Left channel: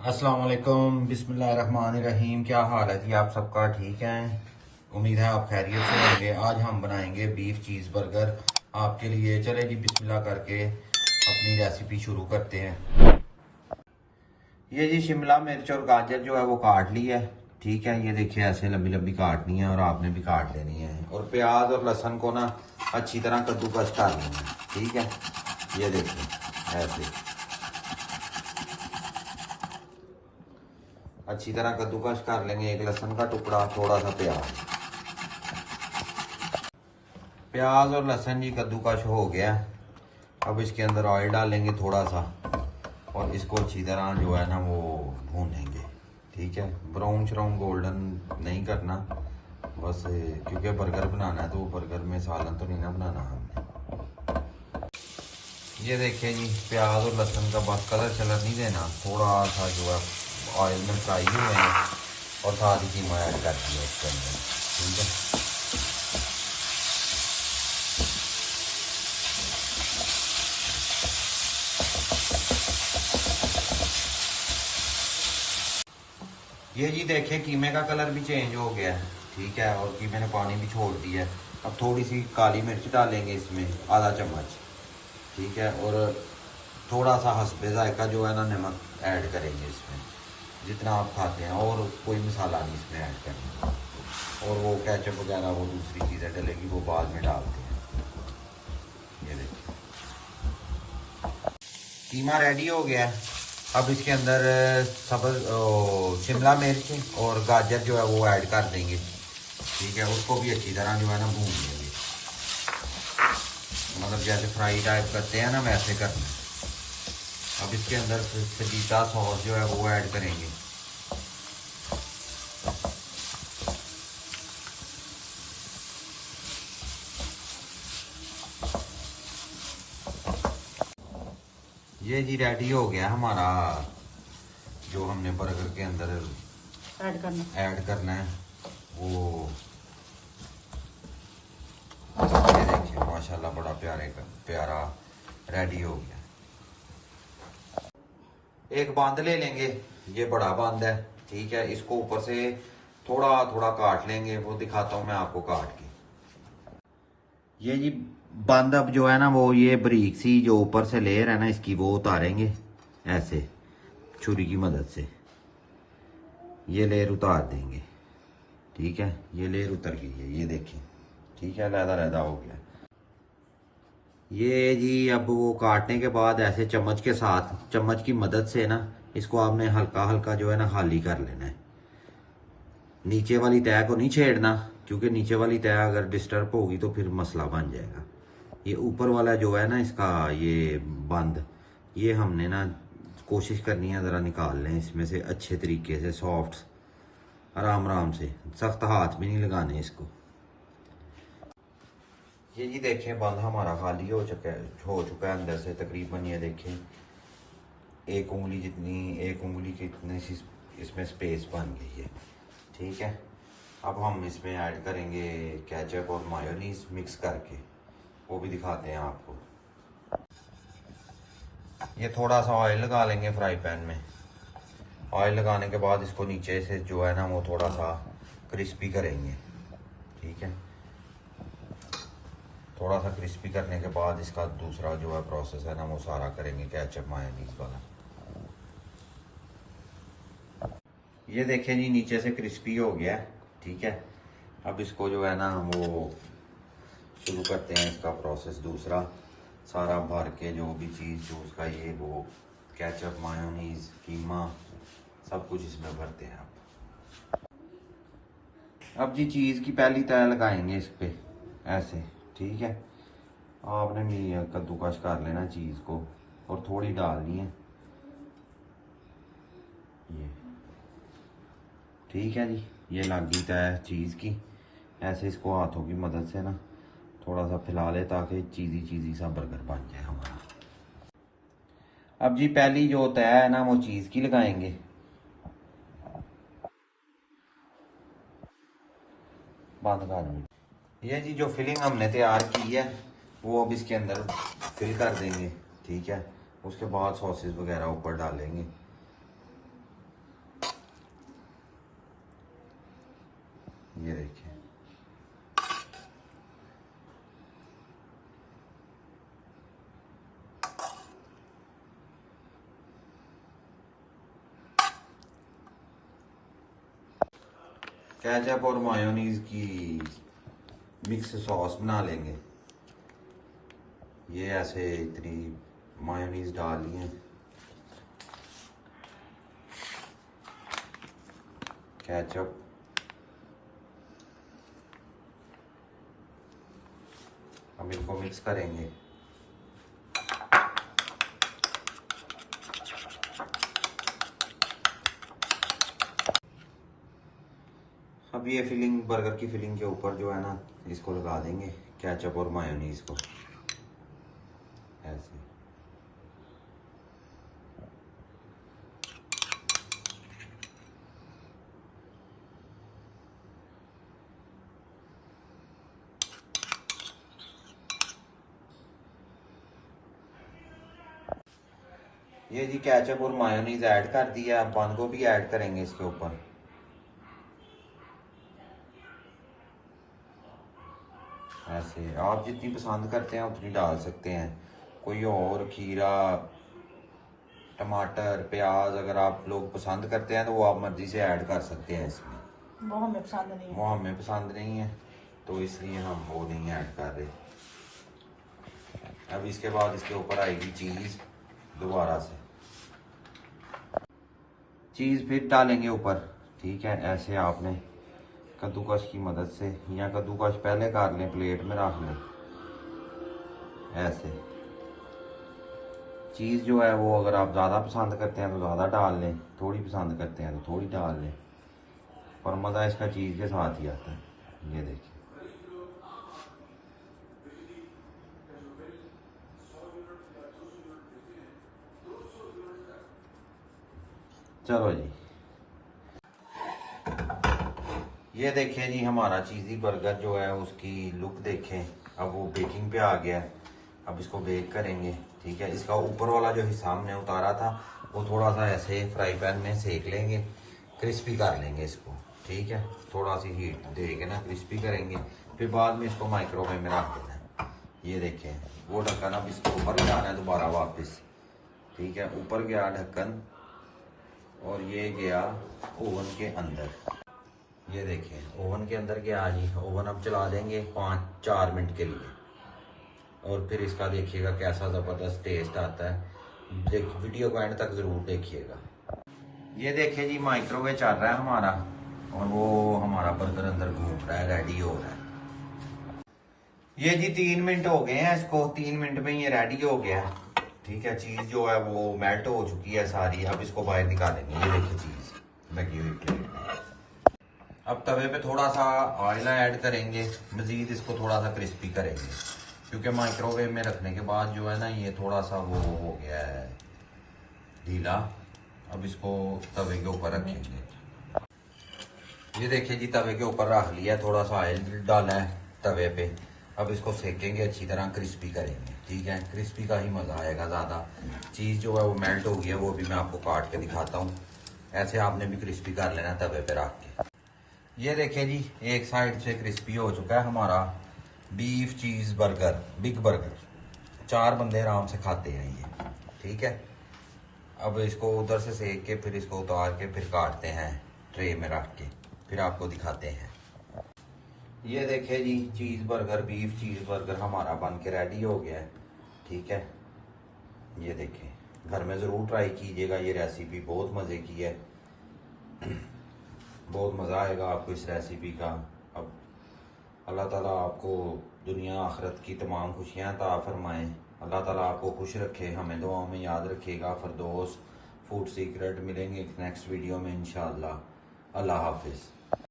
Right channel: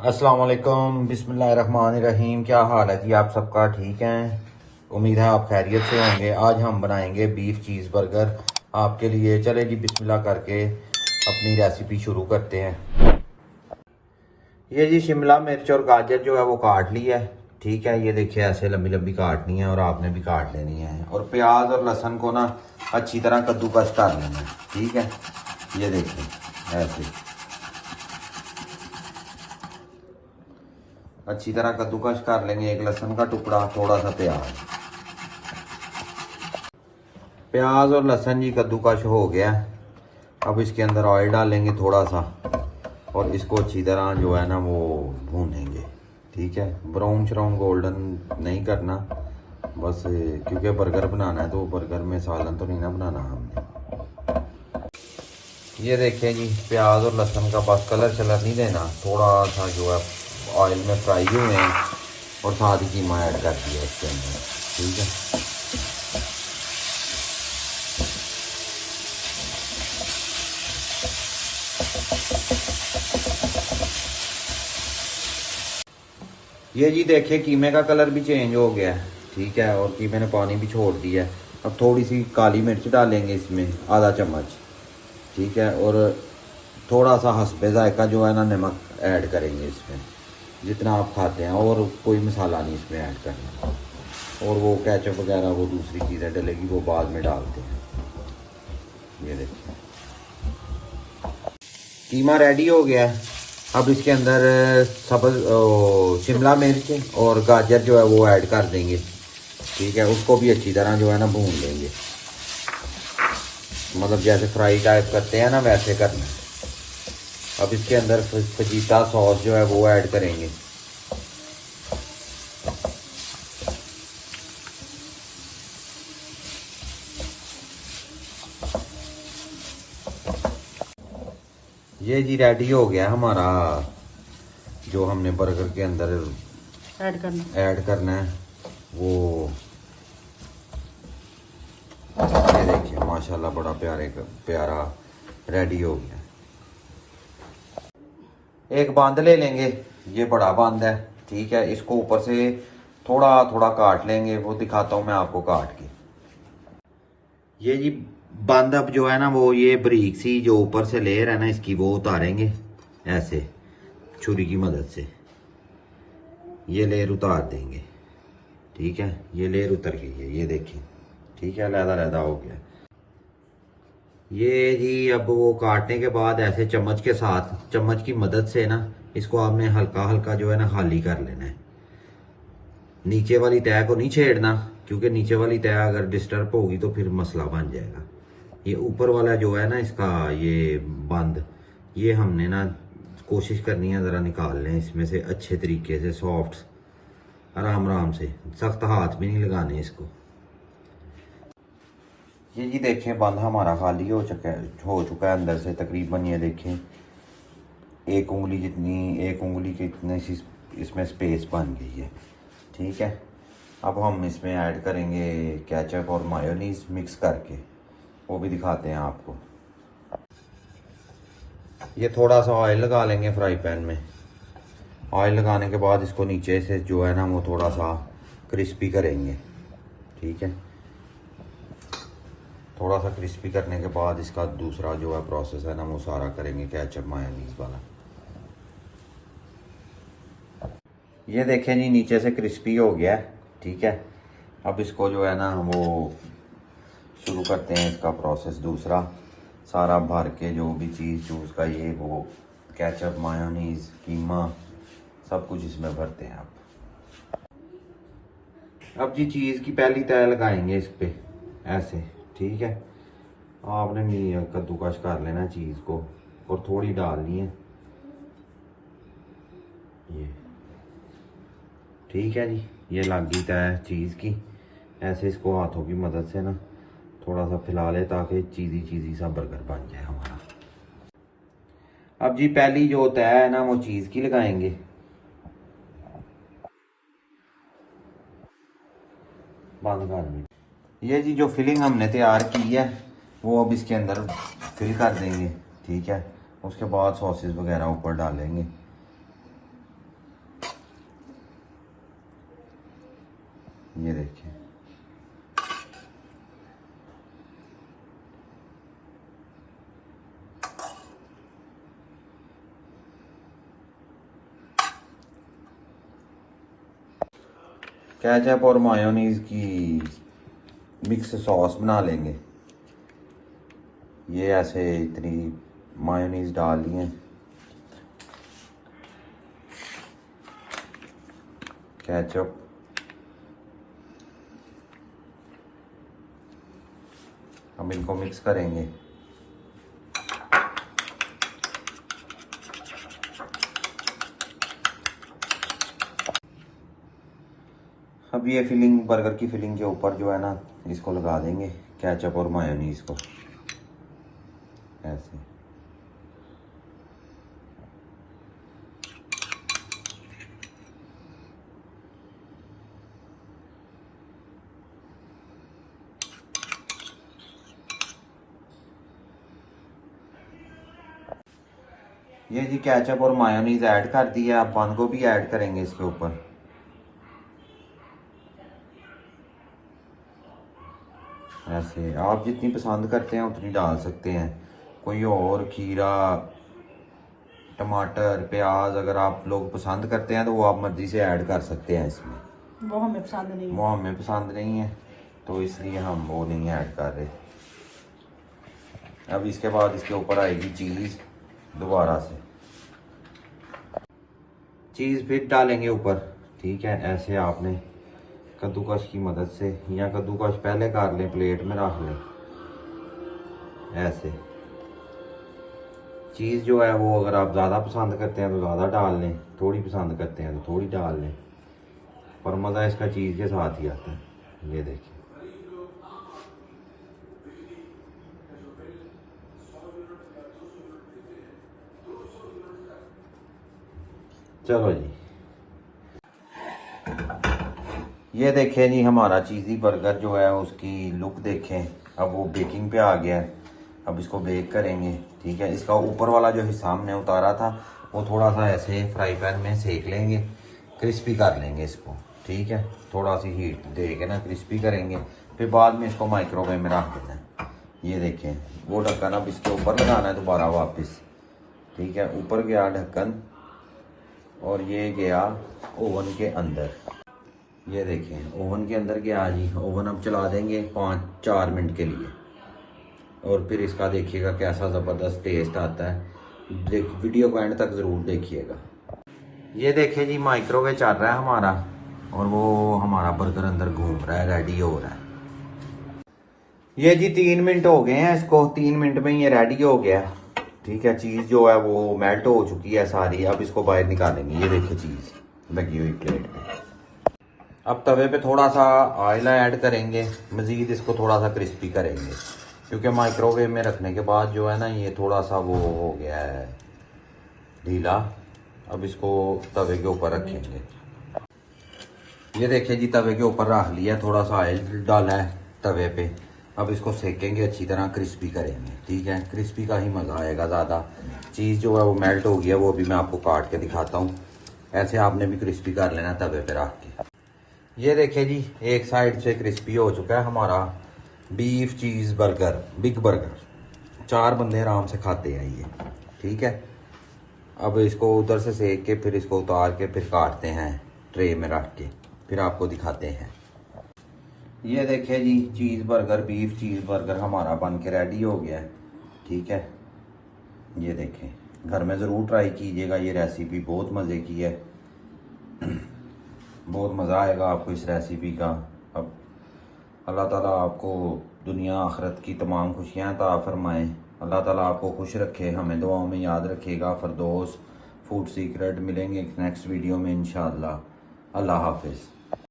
अस्सलाम वालेकुम, बिस्मिल्लाहिर्रहमानिर्रहीम। क्या हाल है जी? आप सबका ठीक है? उम्मीद है आप खैरियत से होंगे। आज हम बनाएंगे बीफ चीज़ बर्गर आपके लिए। चले जी बिस्मिल्लाह करके अपनी रेसिपी शुरू करते हैं। ये जी शिमला मिर्च और गाजर जो है वो काट ली है। ठीक है, ये देखिए ऐसे लंबी लंबी काटनी है और आपने भी काट लेनी है। और प्याज और लहसुन को ना अच्छी तरह कद्दूकस कर लेना है। ठीक है, ये देखिए ऐसे अच्छी तरह कद्दूकस कर लेंगे। एक लहसुन का टुकड़ा, थोड़ा सा प्याज और लहसुन जी कद्दूकस हो गया। अब इसके अंदर ऑयल डालेंगे थोड़ा सा और इसको अच्छी तरह जो है ना वो भूनेंगे। ठीक है, ब्राउन श्राउन गोल्डन नहीं करना बस, क्योंकि बर्गर बनाना है तो बर्गर में सालन तो नहीं ना बनाना हमने। ये देखें जी, प्याज और लहसुन का बस कलर शलर नहीं देना, थोड़ा सा जो है ऑयल में फ्राई हुए हैं और साथ ही कीमा ऐड कर दिया इसके अंदर। ठीक है, ये जी देखिए कीमे का कलर भी चेंज हो गया है। ठीक है, और कीमे ने पानी भी छोड़ दिया है। अब थोड़ी सी काली मिर्च डालेंगे इसमें, आधा चम्मच। ठीक है, और थोड़ा सा हस्बे जायका जो है ना नमक ऐड करेंगे इसमें, जितना आप खाते हैं। और कोई मसाला नहीं इसमें ऐड करना। और वो केचप वगैरह वो दूसरी चीज़ें डलेगी, वो बाद में डालते हैं। ये देखिए कीमा रेडी हो गया है। अब इसके अंदर सब्ज शिमला मिर्च और गाजर जो है वो ऐड कर देंगे। ठीक है, उसको भी अच्छी तरह जो है ना भून लेंगे, मतलब जैसे फ्राई टाइप करते हैं ना वैसे करना है। अब इसके अंदर फजीता सॉस जो है वो ऐड करेंगे। ये जी रेडी हो गया हमारा, जो हमने बर्गर के अंदर ऐड करना है वो। ये देखिए माशाल्लाह बड़ा प्यारा रेडी हो गया। एक बांद ले लेंगे, ये बड़ा बांद है। ठीक है, इसको ऊपर से थोड़ा थोड़ा काट लेंगे, वो दिखाता हूँ मैं आपको काट के। ये जी बांद अब जो है ना वो ये बारीक सी जो ऊपर से लेयर है ना इसकी, वो उतारेंगे ऐसे छुरी की मदद से। ये लेयर उतार देंगे। ठीक है, ये लेयर उतर गई है, ये देखिए। ठीक है, लहदा लहदा हो गया। ये जी अब वो काटने के बाद ऐसे चम्मच के साथ, चम्मच की मदद से ना इसको आपने हल्का हल्का जो है ना खाली कर लेना है। नीचे वाली तह को नहीं छेड़ना, क्योंकि नीचे वाली तह अगर डिस्टर्ब होगी तो फिर मसला बन जाएगा। ये ऊपर वाला जो है ना इसका ये बंद, ये हमने ना कोशिश करनी है ज़रा निकाल लें इसमें से अच्छे तरीके से, सॉफ्ट, आराम आराम से, सख्त हाथ भी नहीं लगाने इसको। ये जी देखें बंद हमारा खाली हो चुका है अंदर से तकरीबन। ये देखें एक उंगली जितनी, एक उंगली की इतनी सी इसमें स्पेस बन गई है। ठीक है, अब हम इसमें ऐड करेंगे केचप और मायोनीज मिक्स करके, वो भी दिखाते हैं आपको। ये थोड़ा सा ऑयल लगा लेंगे फ्राई पैन में। ऑयल लगाने के बाद इसको नीचे से जो है ना वो थोड़ा सा क्रिस्पी करेंगे। ठीक है, थोड़ा सा क्रिस्पी करने के बाद इसका दूसरा जो है प्रोसेस है ना वो सारा करेंगे केचप मायोनीज वाला। ये देखें जी नीचे से क्रिस्पी हो गया है। ठीक है, अब इसको जो है ना वो शुरू करते हैं इसका प्रोसेस दूसरा। सारा भर के जो भी चीज़ चूज़ का ये वो केचप मायोनीज कीमा सब कुछ इसमें भरते हैं आप। अब जी चीज़ की पहली तह लगाएंगे इस पे ऐसे। ठीक है, आपने कद्दूकस कर लेना चीज़ को और थोड़ी डालनी है ये। ठीक है जी, ये लग गई तय चीज़ की। ऐसे इसको हाथों की मदद से ना थोड़ा सा फैला ले ताकि चीज़ी सा बर्गर बन जाए हमारा। अब जी पहली जो तय है ना वो चीज़ की लगाएंगे। बंद कर। ये जी जो फिलिंग हमने तैयार की है वो अब इसके अंदर फिल कर देंगे। ठीक है, उसके बाद सॉसेस वगैरह ऊपर डालेंगे। ये देखिए, केचप और मायोनीज की मिक्स सॉस बना लेंगे। ये ऐसे इतनी मायोनीज डाल ली है, केचप, हम इनको मिक्स करेंगे। अब ये फिलिंग, बर्गर की फिलिंग के ऊपर जो है ना, इसको लगा देंगे केचप और मायोनीज को ऐसे। ये जी केचप और मायोनीज ऐड कर दिया, अब बंद गोभी ऐड करेंगे इसके ऊपर। ऐसे आप जितनी पसंद करते हैं उतनी डाल सकते हैं। कोई और खीरा, टमाटर, प्याज अगर आप लोग पसंद करते हैं तो वो आप मर्जी से ऐड कर सकते हैं इसमें। वो हमें पसंद नहीं है। वो हमें पसंद नहीं है तो इसलिए हम वो नहीं ऐड कर रहे। अब इसके बाद इसके ऊपर आएगी चीज़, दोबारा से चीज़ फिर डालेंगे ऊपर। ठीक है, ऐसे आपने कद्दूकस की मदद से, या कद्दूकस पहले कर लें, प्लेट में रख लें। ऐसे चीज़ जो है वो अगर आप ज़्यादा पसंद करते हैं तो ज़्यादा डाल लें, थोड़ी पसंद करते हैं तो थोड़ी डाल लें, पर मज़ा इसका चीज़ के साथ ही आता है। ये देखिए, चलो जी, ये देखें जी हमारा चीज़ी बर्गर जो है उसकी लुक देखें। अब वो बेकिंग पे आ गया है, अब इसको बेक करेंगे। ठीक है, इसका ऊपर वाला जो हिस्सा हमने उतारा था वो थोड़ा सा ऐसे फ्राई पैन में सेक लेंगे, क्रिस्पी कर लेंगे इसको। ठीक है, थोड़ा सी हीट दे के ना क्रिस्पी करेंगे, फिर बाद में इसको माइक्रोवेव में रख देना है। ये देखें, वो ढक्कन अब इसके ऊपर लगाना है दोबारा वापस। ठीक है, ऊपर गया ढक्कन और ये गया ओवन के अंदर। ये देखें, ओवन के अंदर गया जी। ओवन हम चला देंगे 5-4 मिनट के लिए, और फिर इसका देखिएगा कैसा ज़बरदस्त टेस्ट आता है। देखो, वीडियो को एंड तक ज़रूर देखिएगा। ये देखिए जी, माइक्रोवेव चल रहा है हमारा और वो हमारा बर्गर अंदर घूम रहा है, रेडी हो रहा है। ये जी 3 मिनट हो गए हैं इसको, 3 मिनट में ये रेडी हो गया। ठीक है, चीज़ जो है वो मेल्ट हो चुकी है सारी। अब इसको बाहर निकालेंगे। ये देखिए चीज़ लगी हुई प्लेट में। अब तवे पे थोड़ा सा ऑयल ऐड करेंगे, मज़ीद इसको थोड़ा सा क्रिस्पी करेंगे, क्योंकि माइक्रोवेव में रखने के बाद जो है ना ये थोड़ा सा वो हो गया है ढीला। अब इसको तवे के ऊपर रखेंगे। ये देखिए जी, तवे के ऊपर रख लिया, थोड़ा सा ऑयल डाला है तवे पे। अब इसको सेकेंगे, अच्छी तरह क्रिस्पी करेंगे। ठीक है, क्रिस्पी का ही मज़ा आएगा ज़्यादा। चीज़ जो है वो मेल्ट हो गया, वो भी मैं आपको काट के दिखाता हूँ। ऐसे आपने भी क्रिस्पी कर लेना तवे पे रख के। ये देखिए जी, एक साइड से क्रिस्पी हो चुका है हमारा beef cheese burger, big burger. 4 बंदे आराम से खाते हैं ये। ठीक है, अब इसको उधर से सेक के फिर इसको उतार के फिर काटते हैं ट्रे में रख के, फिर आपको दिखाते हैं। ये देखिए जी, cheese burger, beef cheese burger हमारा बन के रेडी हो गया है। ठीक है, ये देखें, घर में ज़रूर ट्राई कीजिएगा। ये रेसिपी बहुत मज़े की है, बहुत मज़ा आएगा आपको इस रेसिपी का। अब अल्लाह ताला आपको दुनिया आखिरत की तमाम खुशियाँ अता फरमाएँ। अल्लाह ताला आपको खुश रखे, हमें दुआओं में याद रखेगा। फरदौस फूड सीक्रेट, मिलेंगे नेक्स्ट वीडियो में इंशाअल्लाह। अल्लाह हाफिज़।